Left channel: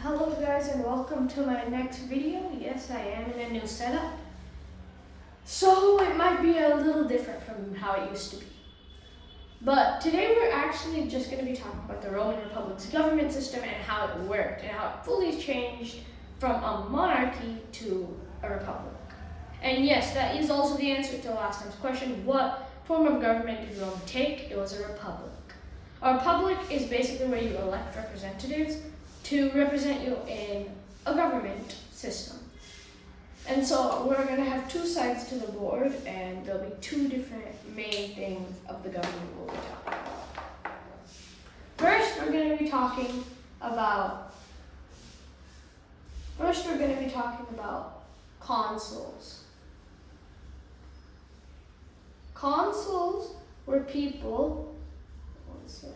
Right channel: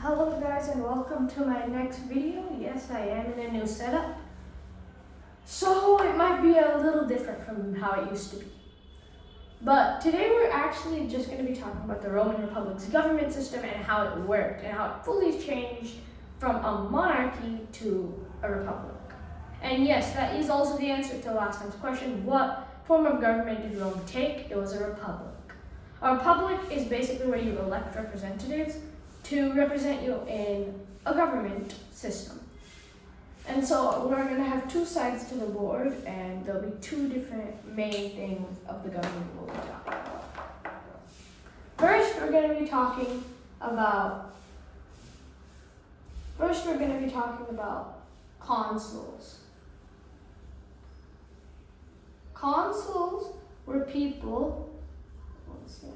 Hello guys and welcome to my next video. Yes, I am in a new setup. So it might be a little different from how it used to be. But today we're actually just going to be talking about the Roman Republic's government system and how it worked and how it fully changed from a monarchy to a republic. And yes, that is also the answer to last time's question. What form of government did Rome take? It was a republic. A republic is basically where you elect representatives to represent you in a government system. And so we're going to have two sides to the board, and there'll be two different main things of the government we'll be talking about. First, we're going to be talking about consuls. Consuls were people. One sec.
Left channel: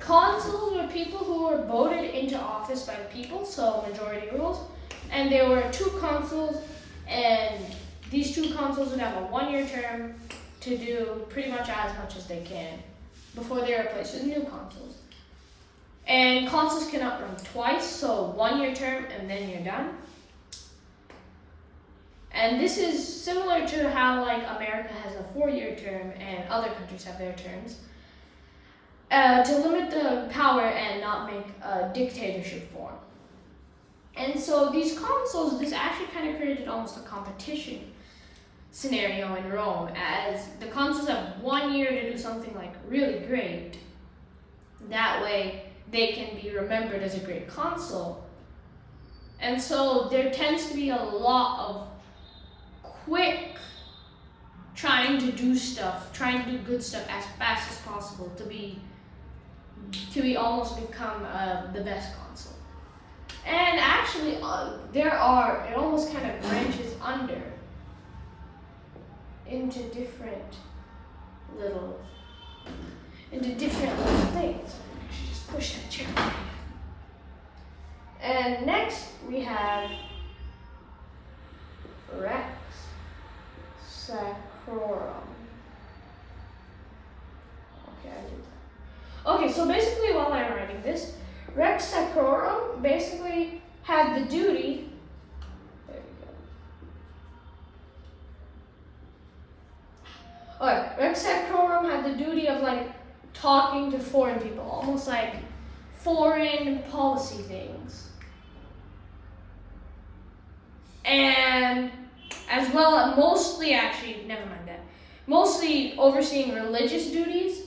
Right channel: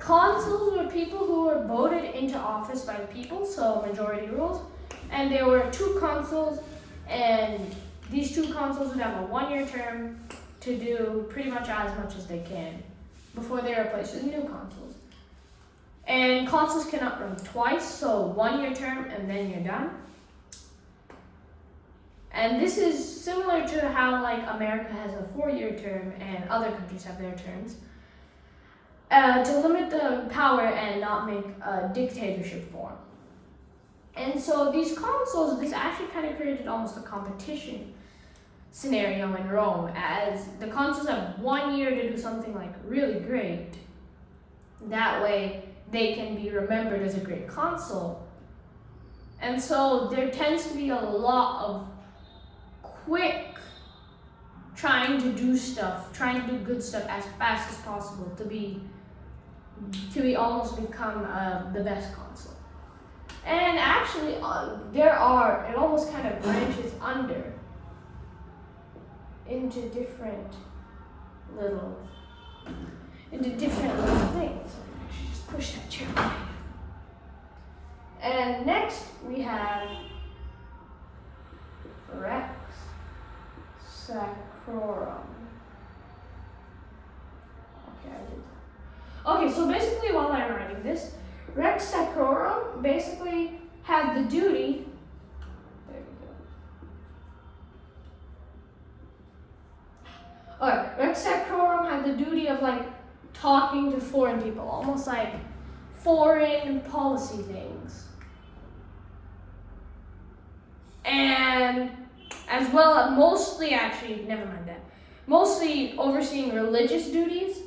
Consuls were people who were voted into office by the people, so majority rules. And there were two consuls, and these two consuls would have a 1-year term to do pretty much as they can before they are replaced with new consuls. And consuls cannot run twice, so 1-year term and then you're done. And this is similar to how like America has a 4-year term and other countries have their terms. To limit the power and not make a dictatorship form. And so these consuls, this actually kind of created almost a competition scenario in Rome, as the consuls have 1 year to do something like really great. That way they can be remembered as a great consul. And so there tends to be a lot of quick trying to do good stuff as fast as possible to be almost become the best consul. And actually, it almost kind of branches into different little things. I should just push that chair away. And next we have Rex Sacrorum. Okay, so basically while I'm writing this, Rex Sacrorum basically had the duty, there we go. Okay, Rex Sacrorum had the duty of like talking to foreign people, almost like foreign policy things. And as well, mostly overseeing religious duties.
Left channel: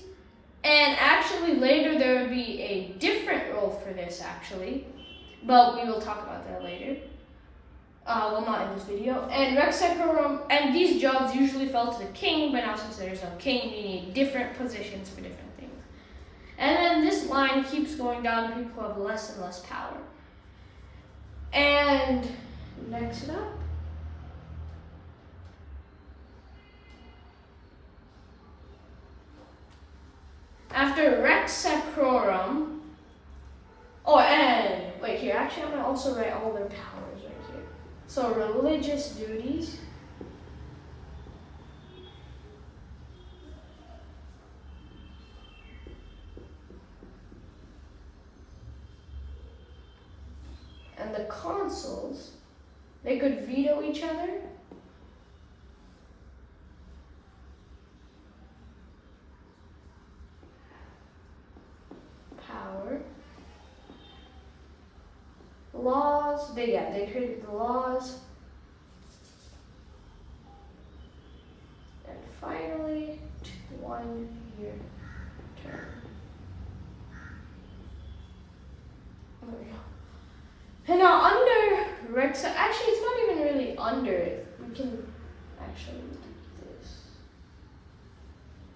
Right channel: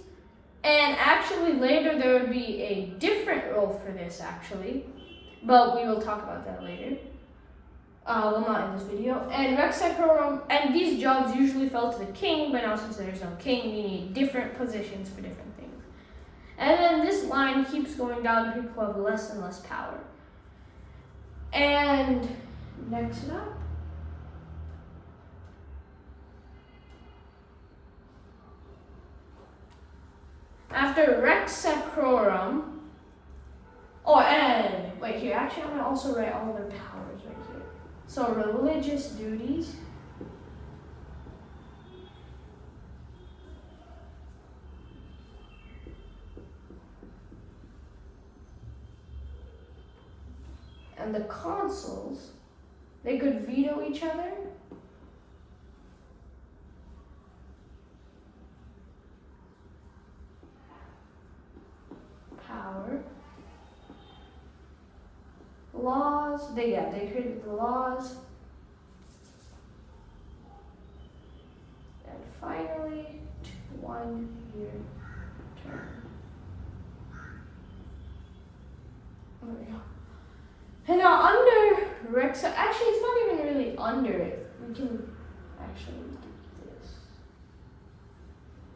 And actually later there would be a different role for this actually, but we will talk about that later. Well, not in this video. And Rex Sacrorum, and these jobs usually fell to the king, but now since there's no king, you need different positions for different things. And then this line keeps going down to people who have less and less power. And next up, after Rex Sacrorum, I'm going to also write all their powers right here. So religious duties. And the consuls, they could veto each other. Laws, they created the laws. And finally, 1-year term. There we go. And now under Rex, actually it's not even really under it. We can actually do this.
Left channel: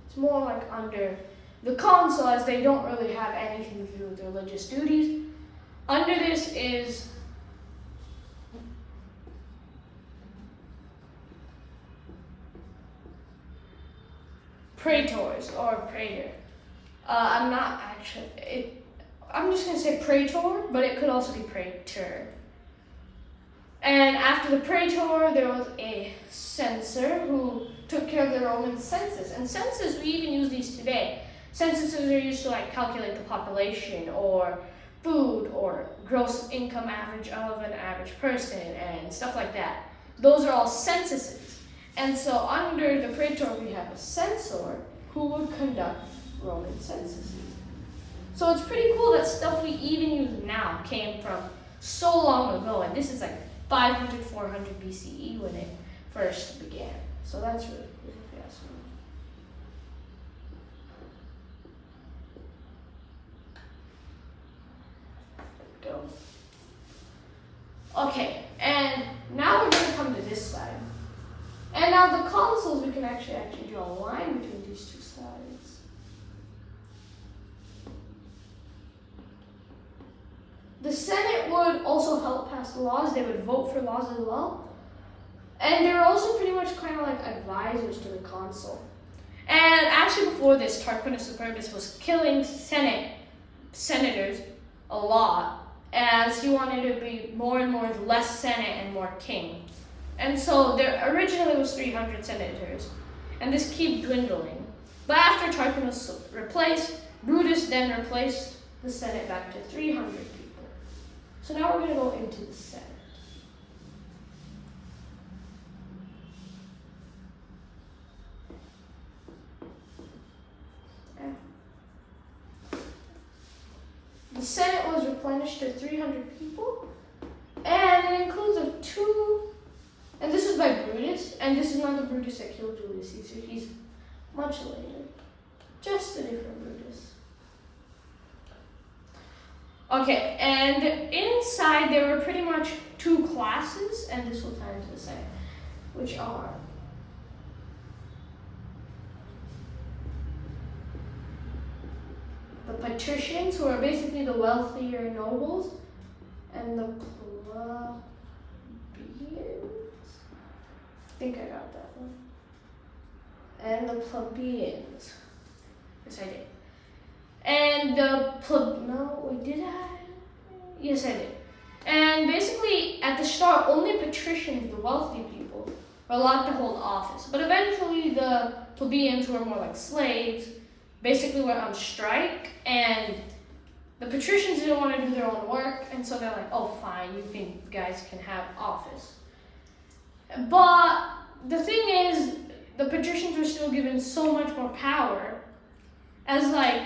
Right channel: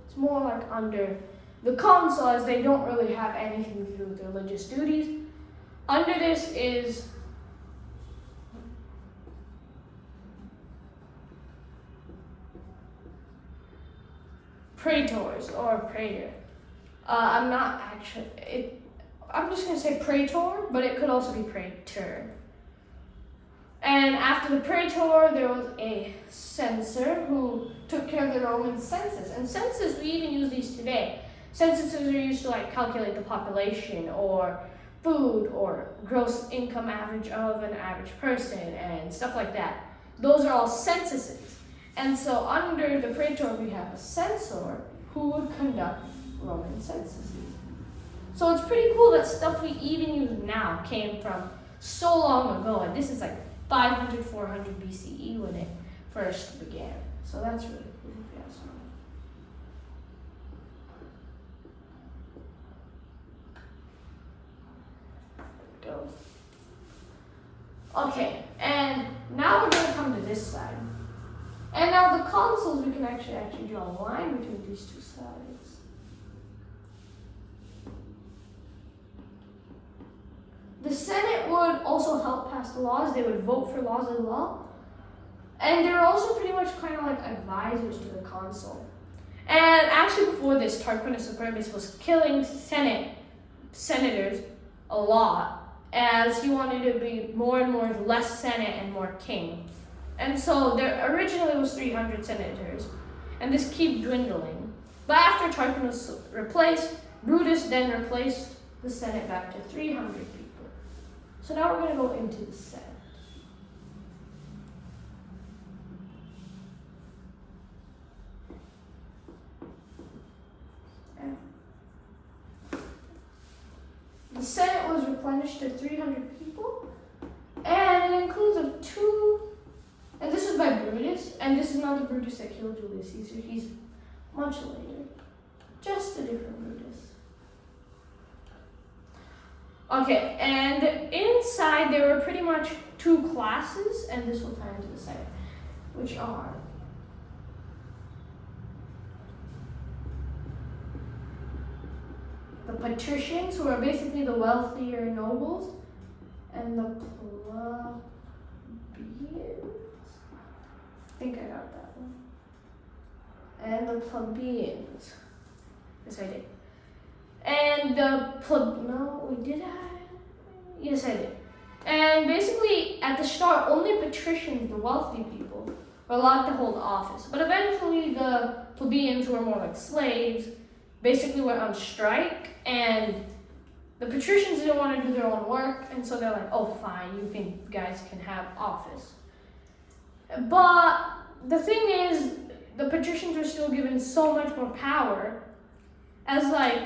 It's more like under the consul, as they don't really have anything to do with religious duties. Under this is praetors or praetor. I'm just going to say praetor, but it could also be praetor. And after the praetor, there was a censor who took care of the Roman census. And census, we even use these today. Censuses are used to like calculate the population or food or gross income average of an average person and stuff like that. Those are all censuses. And so under the praetor, we have a censor who would conduct Roman censuses. So it's pretty cool that stuff we even use now came from so long ago. And this is like 500, 400 BCE when it first began. So that's really cool if you ask me. Go. Okay, and now we're going to come to this side. And now the consuls, we can actually draw a line between these two sides. The Senate would also help pass the laws. They would vote for laws as well. And they were also pretty much kind of like advisors to the consul. And actually before this, Tarquinius Superbus was killing senators a lot, as he wanted to be more and more less Senate and more king. And so there originally was 300 senators, and this kept dwindling. But after Tarquinius was replaced, Brutus then replaced the Senate back to 300 people. So now we're going to go into the Senate. The Senate was replenished to 300 people, and it includes of two, and this is by Brutus, and this is not the Brutus that killed Julius Caesar. He's much later, just a different Brutus. Okay, and inside there were pretty much two classes, and this will tie into the Senate, which are the patricians, who are basically the wealthier nobles, and the plebeians. I think I got that one. And the plebeians. Yes, I did. And Yes, I did. And basically, at the start, only patricians, the wealthy people, were allowed to hold office. But eventually, the plebeians, who were more like slaves, basically went on strike, and the patricians didn't want to do their own work, and so they're like, oh, fine, you guys can have office. But the thing is, the patricians were still given so much more power, as like,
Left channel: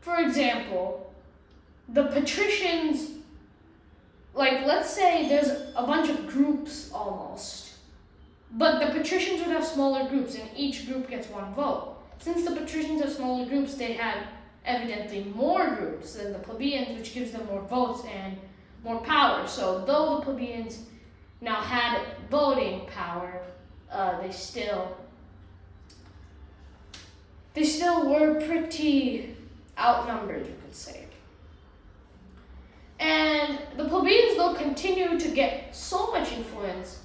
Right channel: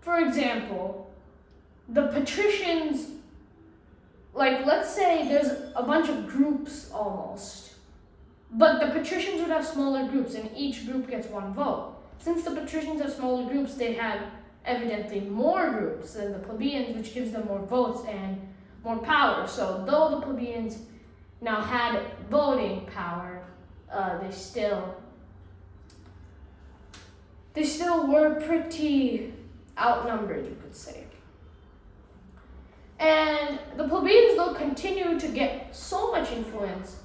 for example, the patricians, like, let's say there's a bunch of groups almost, but the patricians would have smaller groups, and each group gets one vote. Since the patricians have smaller groups, they had evidently more groups than the plebeians, which gives them more votes and more power. So though the plebeians now had voting power, they still were pretty outnumbered, you could say. And the plebeians, though, continued to get so much influence,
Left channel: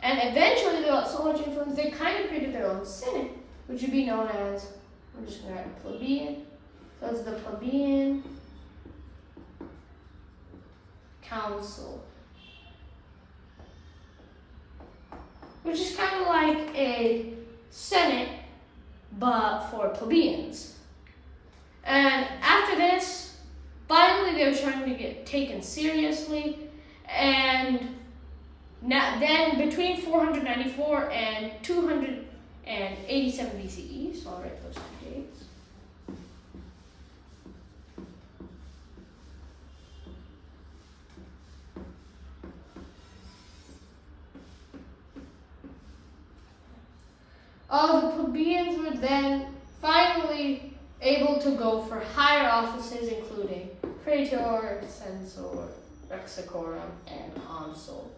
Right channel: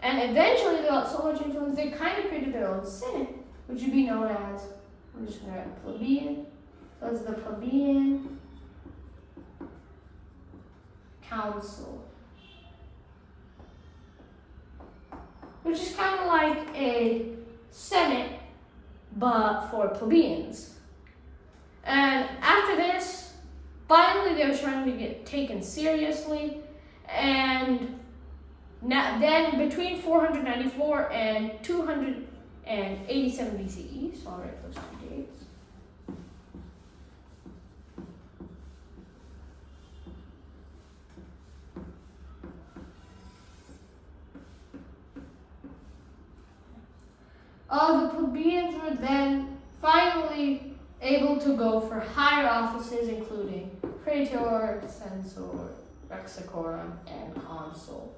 and eventually they got so much influence, they kind of created their own senate, which would be known as, I'm just going to write plebeian. So it's the plebeian council, which is kind of like a senate, but for plebeians. And after this, finally they were starting to get taken seriously, and then between 494 and 287 BCE, so I'll write those two dates. The plebeians were then finally able to go for higher offices, including praetor, censor, rexicorum, and consul.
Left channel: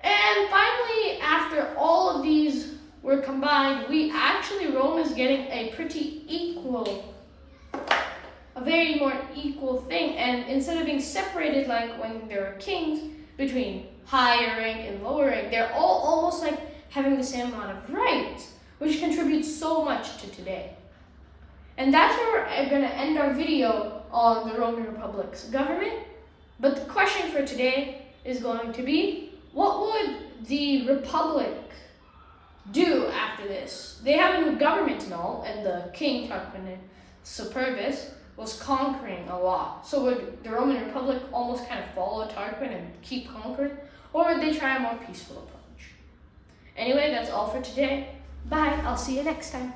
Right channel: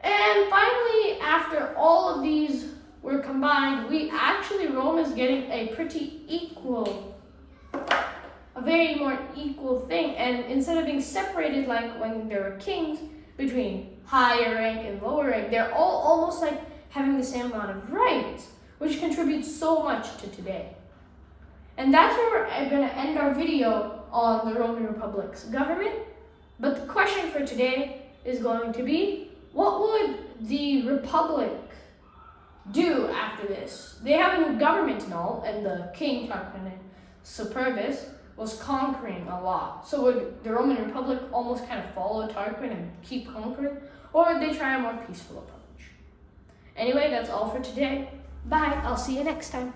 And finally, after all of these were combined, Rome is getting a very more equal thing. And instead of being separated like when there were kings between higher rank and lower rank, they're all almost like having the same amount of rights, which contributes so much to today. And that's where we're going to end our video on the Roman Republic's government. But the question for today is going to be, what would the Republic do after this? They have a new government and all, and the king, Tarquin Superbus, was conquering a lot. So would the Roman Republic almost kind of follow Tarquin and keep conquering? Or would they try a more peaceful approach? Anyway, that's all for today. Bye, I'll see you next time.